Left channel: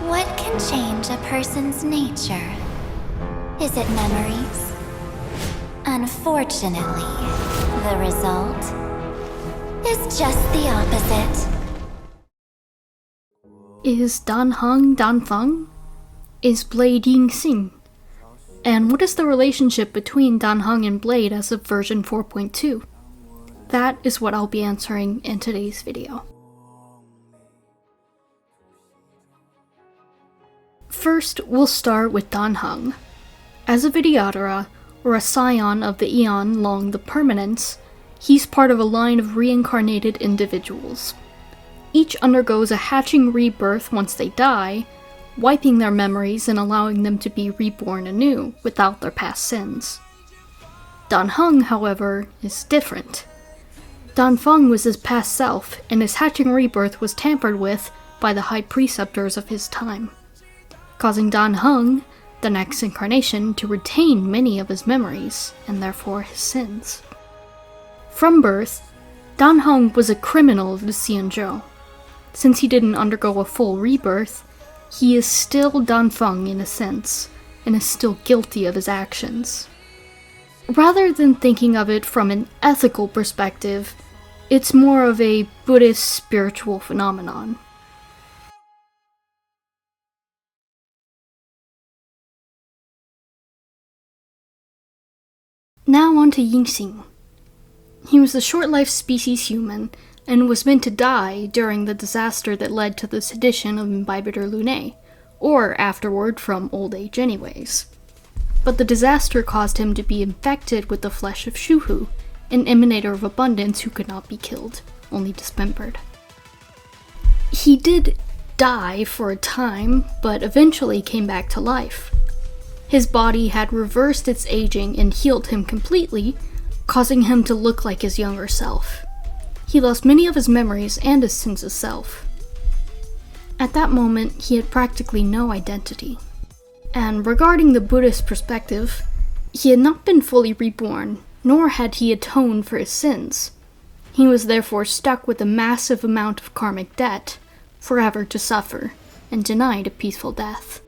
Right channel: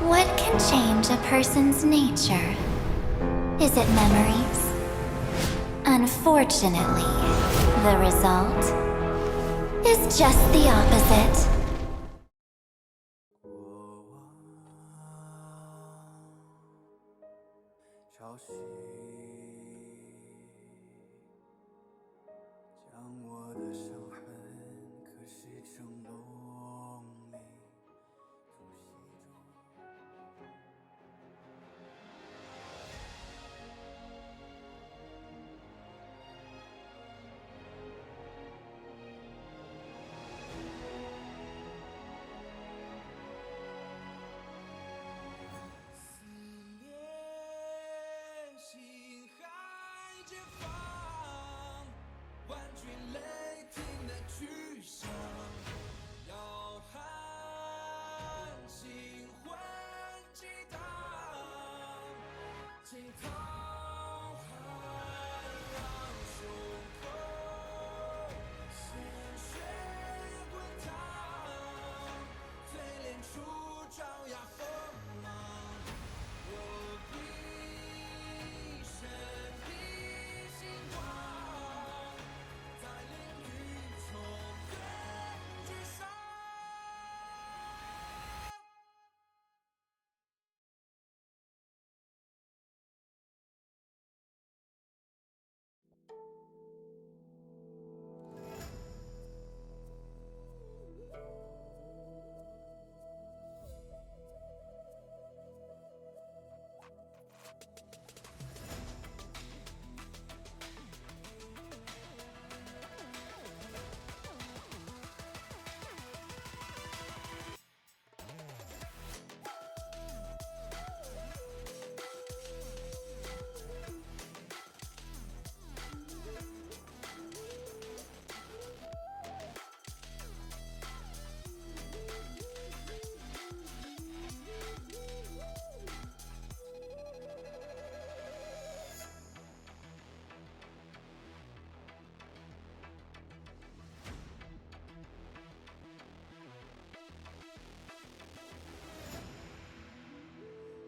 What can change a person's nature? Is it memories? Unfortunately, the result is just the opposite. Is Dan Heng Dan Feng? Is Blade Yingxing? And what is the relationship between Dan Heng and Blade as of version 4.2? That is what I'll be answering in today's video. First, we'll start with Dan Heng. As a Vidyadhara, or a scion of the Aeon long the Permanence, he's part of a line of reincarnated individuals. Each undergoes a hatching rebirth once they die, wiping their memories and allowing them to be reborn anew without their past sins. Dan Heng, however, is different. Dan Feng was his past self, and his hatching rebirth was tampered with by the high preceptors of his time, causing Dan Heng, the next incarnation, to retain many of his memories, and therefore his sins. From birth, Dan Heng was a criminal of the Xianzhou. Since he didn't undergo a full rebirth, he is still Dan Feng in a sense, and is still guilty of his actions. Rather than thinking of it from an ethical perspective, it's more of a Buddhist spiritual phenomenon. Now on to Yingxing. He was a short-lived species human, and was meant to die during the disaster that led to the sedition of Imbibitor Lunae, or afterward from old age anyways. But the disaster caused him to be infected with the flesh of Shuhu, an emanator of abundance who could not be killed, only dismembered. He did die for a time, but eventually came back to life. His body had reversed its aging and healed him completely, causing him to look like his younger self. He lost many of his memories and his sense of self. At that moment, he had practically no identity. And regarding the Buddhist perspective, he had not been fully reborn, nor had he atoned for his sins. He was therefore stuck with a massive amount of karmic debt, forever to suffer, and denied a peaceful death.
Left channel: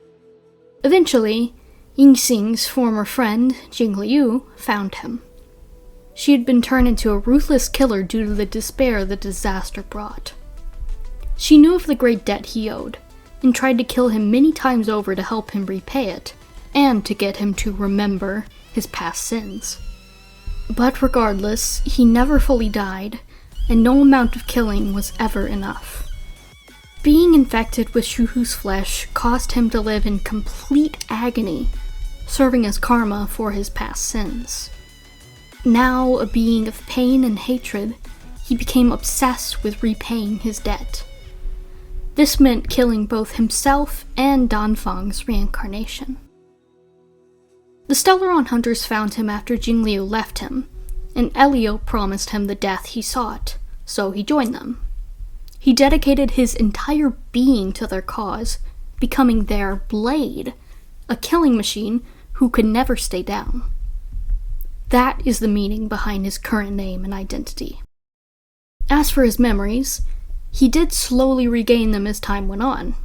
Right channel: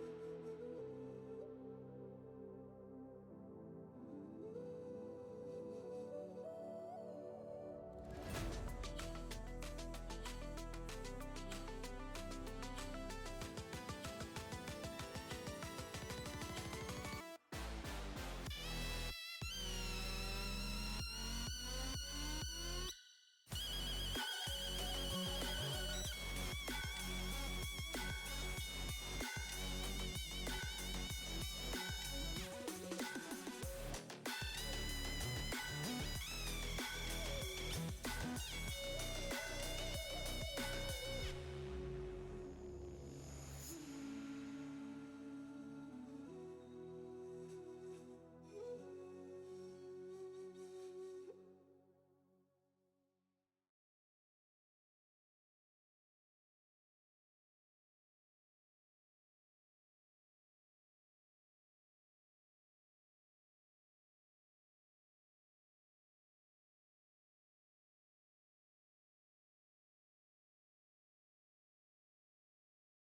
Eventually, Yingxing's former friend, Jingliu, found him. She had been turned into a ruthless killer due to the despair the disaster brought. She knew of the great debt he owed, and tried to kill him many times over to help him repay it, and to get him to remember his past sins. But regardless, he never fully died, and no amount of killing was ever enough. Being infected with Shuhu's flesh caused him to live in complete agony, serving as karma for his past sins. Now a being of pain and hatred, he became obsessed with repaying his debt. This meant killing both himself and Dan Feng's reincarnation. The Stellaron hunters found him after Jingliu left him, and Elio promised him the death he sought, so he joined them. He dedicated his entire being to their cause, becoming their Blade, a killing machine who could never stay down. That is the meaning behind his current name and identity. As for his memories, he did slowly regain them as time went on.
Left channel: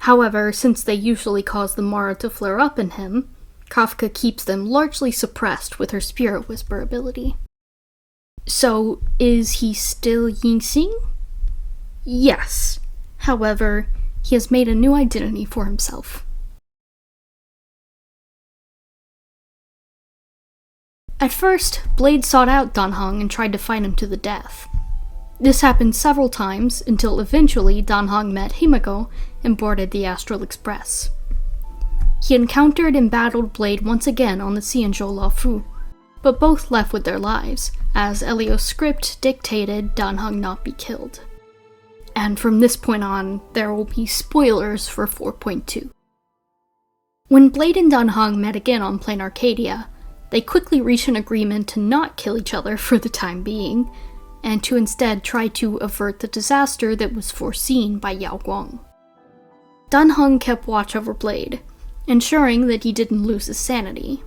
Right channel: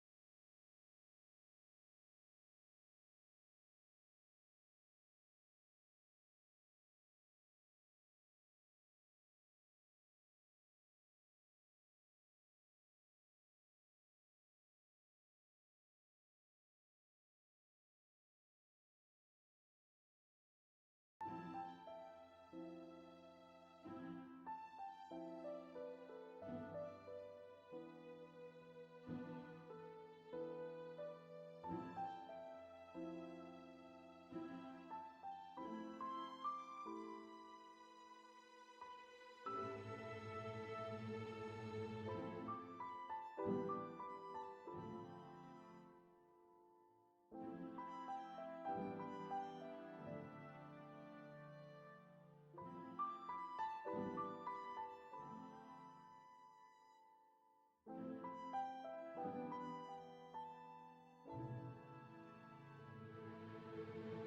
However, since they usually cause the Mara to flare up in him, Kafka keeps them largely suppressed with her spirit whisper ability. So, is he still Yingxing? Yes. However, he has made a new identity for himself. At first, Blade sought out Dan Heng and tried to fight him to the death. This happened several times until eventually Dan Heng met Himiko and boarded the Astral Express. He encountered and battled Blade once again on the Xianzhou Laofu, but both left with their lives, as Elio's script dictated Dan Heng not be killed. And from this point on, there will be spoilers for 4.2. When Blade and Dan Heng met again on Plain Arcadia, they quickly reached an agreement to not kill each other for the time being, and to instead try to avert the disaster that was foreseen by Yao Guang. Dan Heng kept watch over Blade, ensuring that he didn't lose his sanity.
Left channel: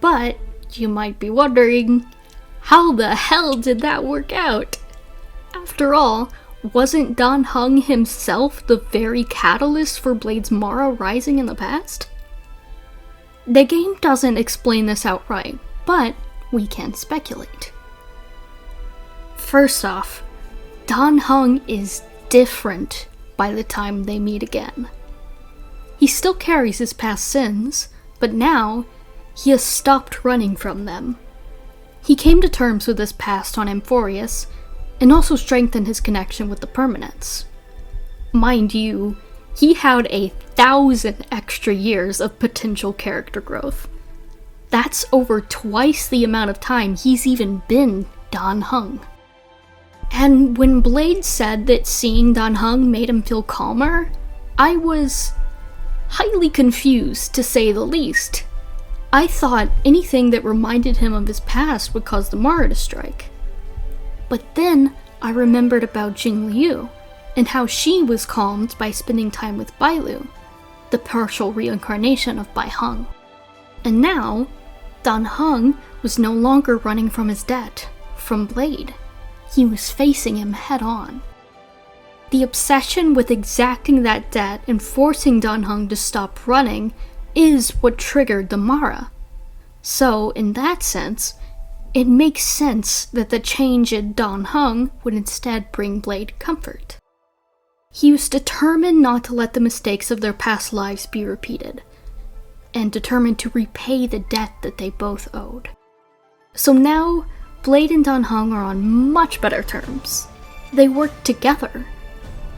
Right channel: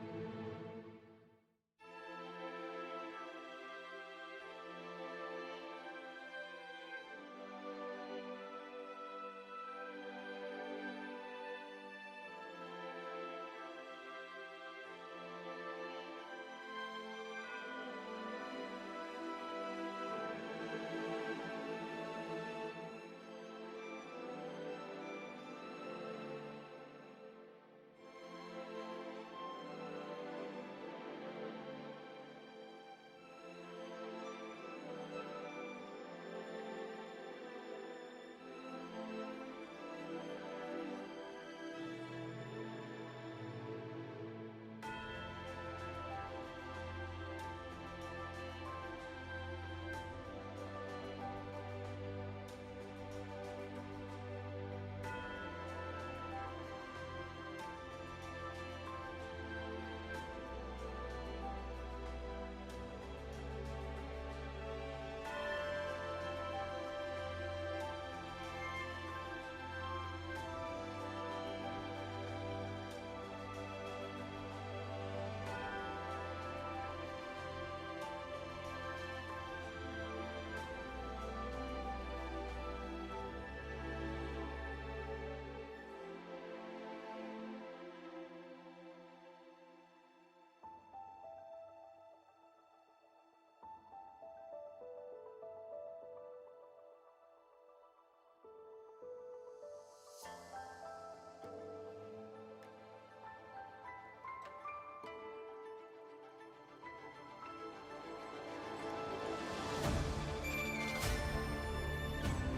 But, you might be wondering, how the hell did that work out? After all, wasn't Dan Heng himself the very catalyst for Blade's Mara rising in the past? The game doesn't explain this outright, but we can speculate. First off, Dan Heng is different by the time they meet again. He still carries his past sins, but now he has stopped running from them. He came to terms with his past on Amphorius, and also strengthened his connection with the Permanents. Mind you, he had 1,000 extra years of potential character growth. That's over twice the amount of time he's even been Dan Heng. And when Blade said that seeing Dan Heng made him feel calmer, I was highly confused, to say the least. I thought anything that reminded him of his past would cause the Mara to strike. But then I remembered about Jing Liu, and how she was calmed by spending time with Bailu, the partial reincarnation of Bai Heng. And now, Dan Heng was no longer running from his debt, from Blade. He was facing him head on. The obsession with exacting that debt and forcing Dan Heng to stop running is what triggered the Mara. So, in that sense, it makes sense that the change in Dan Heng would instead bring Blade comfort. He was determined not to let the mistakes of their past lives be repeated, and determined to repay the debt that they both owed. So now, Blade and Dan Heng are on much better terms. They work together,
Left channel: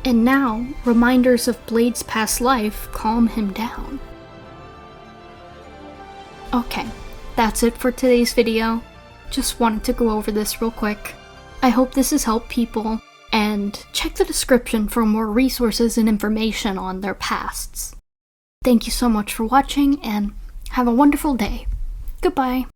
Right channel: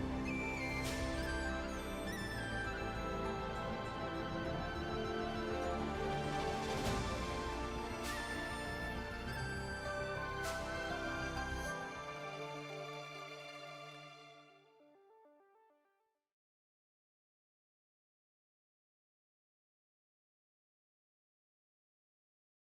and now reminders of Blade's past life calm him down. Okay, that's it for today's video. Just wanted to go over this real quick. I hope this has helped people, and check the description for more resources and information on their pasts. Thank you so much for watching, and have a wonderful day. Goodbye.